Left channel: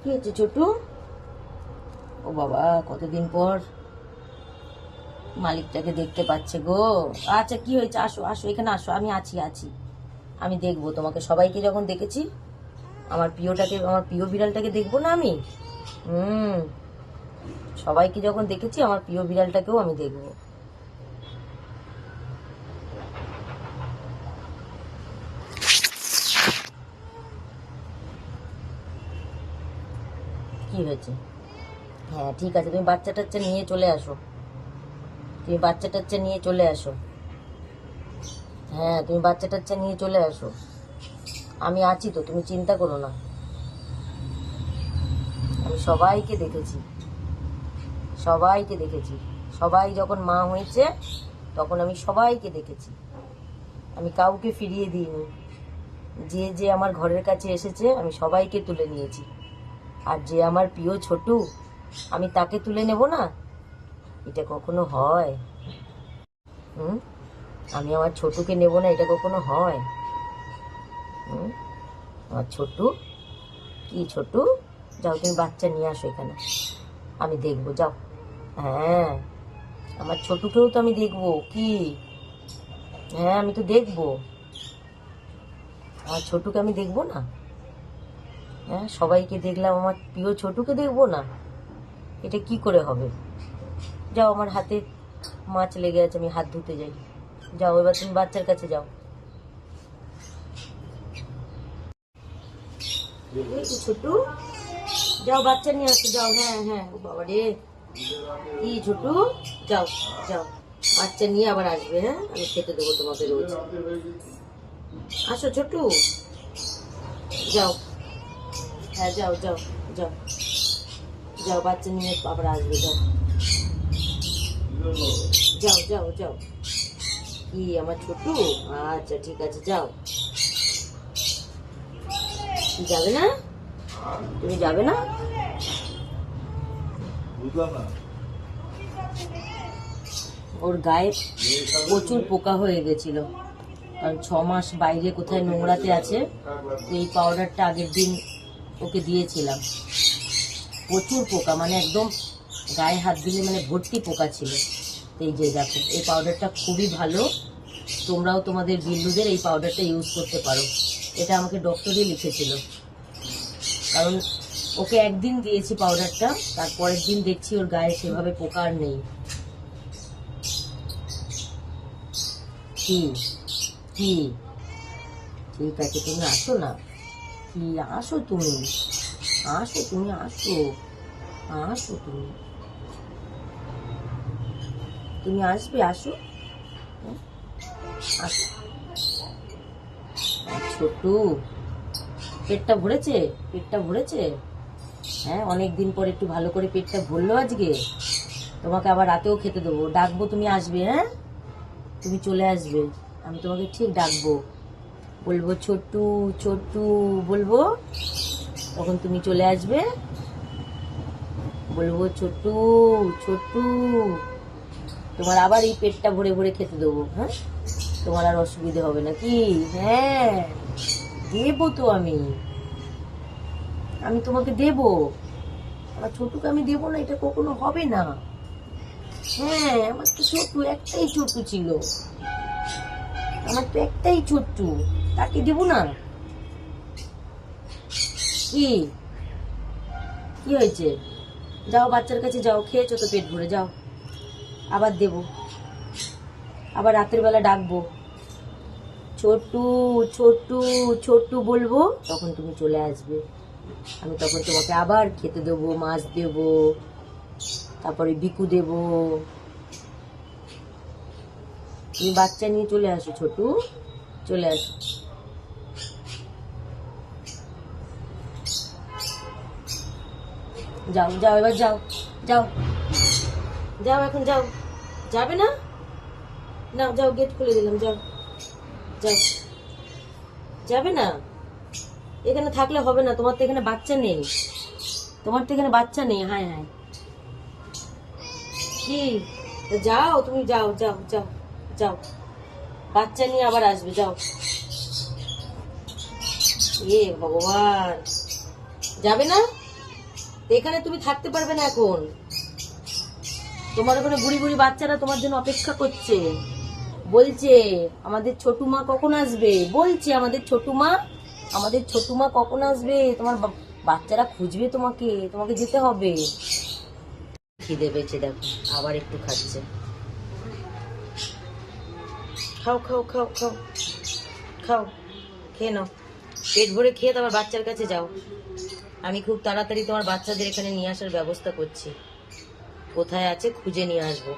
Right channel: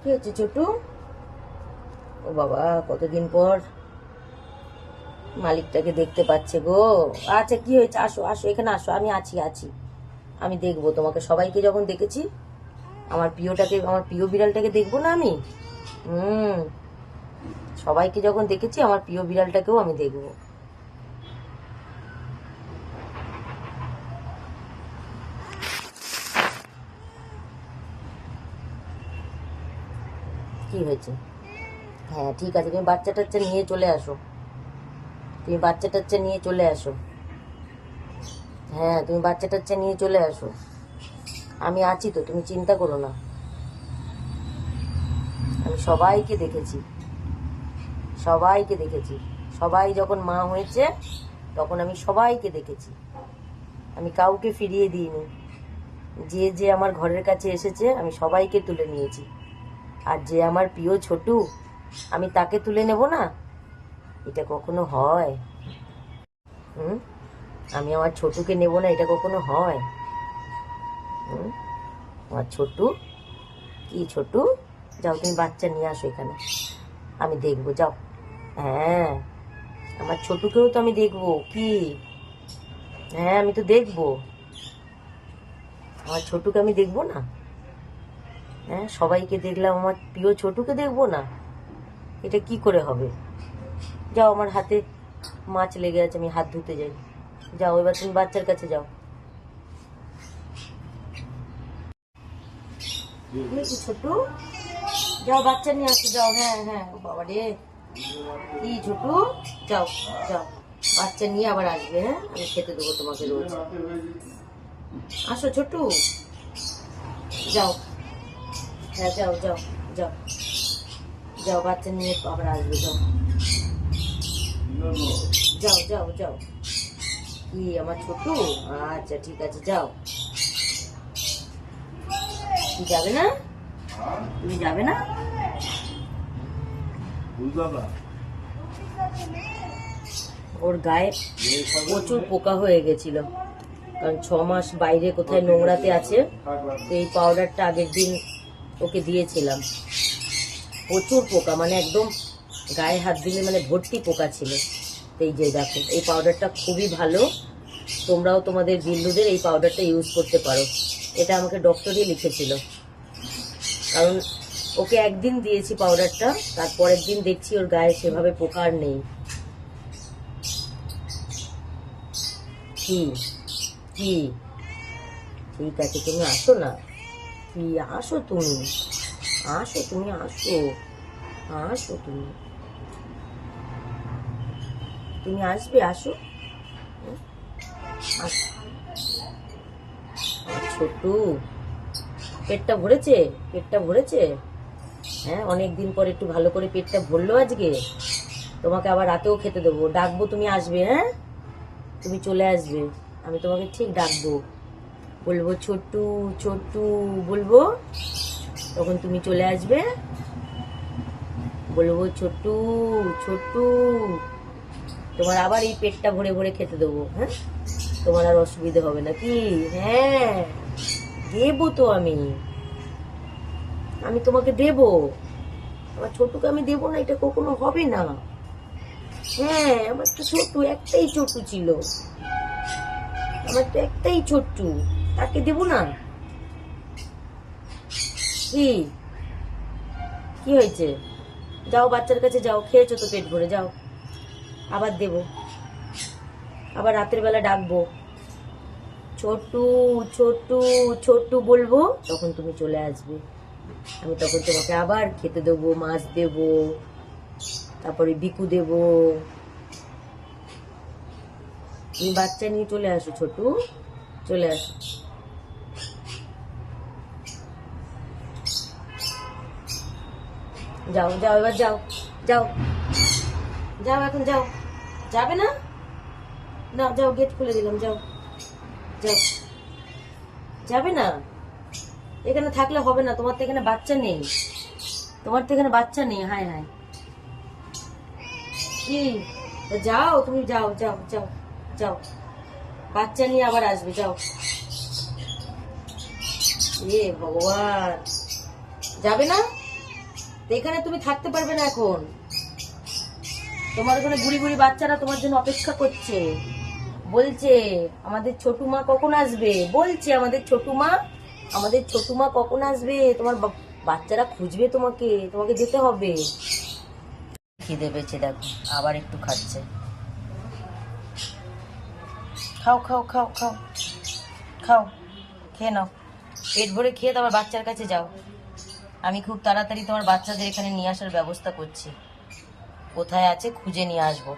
কি হচ্ছে ছোটু? ও বাবা, কতদিন পর মালিকটাকে দেখতে পাচ্ছে গো। আচ্ছা, কি হয়েছে? আসো আসো, এখানে আসো, আমি আছি আছি আমি দেখবো তোমাকে। সবাইকে যখন দেখেছি, আমার প্রিয়টাকে, আমার প্রিয় বিড়ালটাকে দেখবো না আমি? হুম, সবাইকে যখন দেখেছি, আমার প্রিয় বিড়ালটাকেও আমি দেখবো। কি হয়েছে? হ্যাঁ ঠিক আছে, তুমি বাচ্চা টাচ্চা নিয়ে চলে আসো। তুমি বাচ্চা টাচ্চা নিয়ে চলে আসো। হ্যাঁ, তুমি বাচ্চা টাচ্চা নিয়ে চলে আসো। আমি আছি তো, তুমি চিন্তা করো না। আমি সবাইকে দেখেছি, সবাইকে দেখেছি। সবাই যখন মা হয়েছে, তখন আমি সবাইকে দেখেছি। আমি কাউকে ফিরিয়ে দিইনি। যে যে আমার ঘরের কাছে এসেছে, আমি সবাইকে তুলে নিয়েছি। আর যে আমার প্রিয় ছোটু, আমি তাকে তুলে নেব না? এটা কখনো হয়? হুম, আমি আমার ছোটুকে নেব না, এটা কখনো হয়? হুম, আমার ছোটু, কি ছোটু? যাও, তুমি বাচ্চা নিয়ে আসো এখানে, আমি দেখবো, যাও। হ্যাঁ, আমার ছোটুকেও তো আমি দেখবো। কি? হ্যাঁ, আমি তো দেখবো। আমার ছোটুকে আমি দেখবো না? হ্যাঁ, সবাইকে দেখলাম, আমার প্রিয় ছোটুকে দেখবো না? এটা কি করে হবে? যাও, আমার হাতে মাছ লেগে আছে, আমি হাত ধুতে যাই। যাও, এবার তুমি বাচ্চার কাছে যাও। কি ছোটু? যাও, বাচ্চা নিয়ে আসো, যাও। হ্যাঁ হ্যাঁ, ও বাবা রে, কি ছোটু? যাও, যাও, বাচ্চা নিয়ে আবার আসবে। হ্যাঁ, আমি খেতে দেবো তোমাকে রোজ। আসো ছোটু, যাও। হ্যাঁ, যাও যাও যাও, যাও, বাচ্চা নিয়ে আবার আসবে, যাও। যাও যাও যাও। কি আমার ছোটু? আচ্ছা ঠিক আছে, যাও। তুমি যাবে না? তুমি যাবে না? ওর গায়ে প্রচুর পোকা হয়ে গেছিল, কারণ 6 মাস বাইরে কোথায় নোংরাতে আছে। এই পাউডারটা আগের দিন ওকে দিয়েছিলাম। প্রচুর পোকা, মানে একদম গায়ে হাত দিলে মানে ভর্তি পোকা ছিল। এই যে দেখো, এই পাউডারটা খুবই ভালো। তোমরাও তোমাদের বিল্লুদের এই পাউডারটা ইউজ করতে পারো। এটা আমাকে ডক্টরই লিখেছিল, কারণ ওকে একদিন দিয়েছি পাউডারটা, তারপরের দিন দেখছি ওর গায়ে সেভাবে পোকা আর নেই। কি? কি? ঠিক আছে, তুমি আসো না। কি? আসো তুমি, আসো তুমি, আসো, আসো তুমি, তুমি আসবে, আসো। হ্যাঁ, আসো। ছোটু, পেটটা ভরেছে? পেটটা ভরেছে? হ্যাঁ, অনেকদিন পর একটু ভালো করে পেটটা ভরলো আজকে। তোমাকে আবার রাতেও খেতে দেবো, ডাকবো, তুমি আসবে। হ্যাঁ, তুমি চলে আসবে, আমি তোমাকে ঠিক ডাকবো, বলবো ছোট্টু ছোট্টু বলবো, তখন তুমি চলে আসবে। বলবো ছোট্টু ছোট্টু, তোমার আবার এই পেটটা ভরে ভরে খেতে দেবো। হ্যাঁ, তোমার আর অসুবিধা হবে না কি? হ্যাঁ, দেবো তো আমি, আমি তোমাকে দেবো। আমার ছোটুকে আমি দেবো না, এটা কখনো হবে না। হ্যাঁ, আমার তো ছোট্টু একটাই ছোট্টু ছিল, আমার তো একটাই ছোট্টু, তাকে দেবো না? কি? কি হয়েছে? যাও, বাচ্চার কাছে যাও, খেয়েছো তো পেট ভরে, যাও। আবার দেবো, আবার রাতের বেলা ডাকবো, ছোট্টু ছোট্টু ছোট্টু বলবো, তখন তুমি চলে আসবে। আমি তখন তোমাকে আবার খেতে দেবো, মাছ দেবো, তারপরে বিকু দেবো। তুমি বাচ্চা নিয়ে চলে আসো ছোটু, চলে আসো। যাও যাও, এবার যাও, যাও, যাও, এখন যাও। যাবে না? না, যাও, গেট খুলে দিলাম, যাও, যাও। যাবে না? এখানে থাকলে হবে না, তোমার তো এখানে বাচ্চা নেই, তোমার তো এখানে বাচ্চা নেই। হায় হায়, কি? তা যাও, তুমি যাও যাও যাও, যাও, বাচ্চা নিয়ে আবার আসবে, যাও। এ ভগবান, যাবে না? তো এখানে তুমি থাকতে পারবে না এখন, তোমার ওখানে বুড়ি বুড়ি বাচ্চারা তোমার জন্য অপেক্ষা করছে, বলছে আমাদের ছোটু মা কখন আসবে, বলছে আমাদের ছোটু মা কখন আসবে, তোমার বাচ্চারা খুঁজবে তোমাকে, তোমাকে যেতে হবে। খিদে পেয়েছে দেখো, আবার একটু খাচ্ছে। খাও খাও খাও খাও খাও, খেয়ে নাও, পেট ভরে খেয়ে তোমার বাচ্চার কাছে যাও। আমি খুব তাড়াতাড়ি তোমার বাচ্চাদের এখানে নিয়ে আসার ব্যবস্থা করছি, কোথায় আছে খুঁজে নিয়ে আসবো।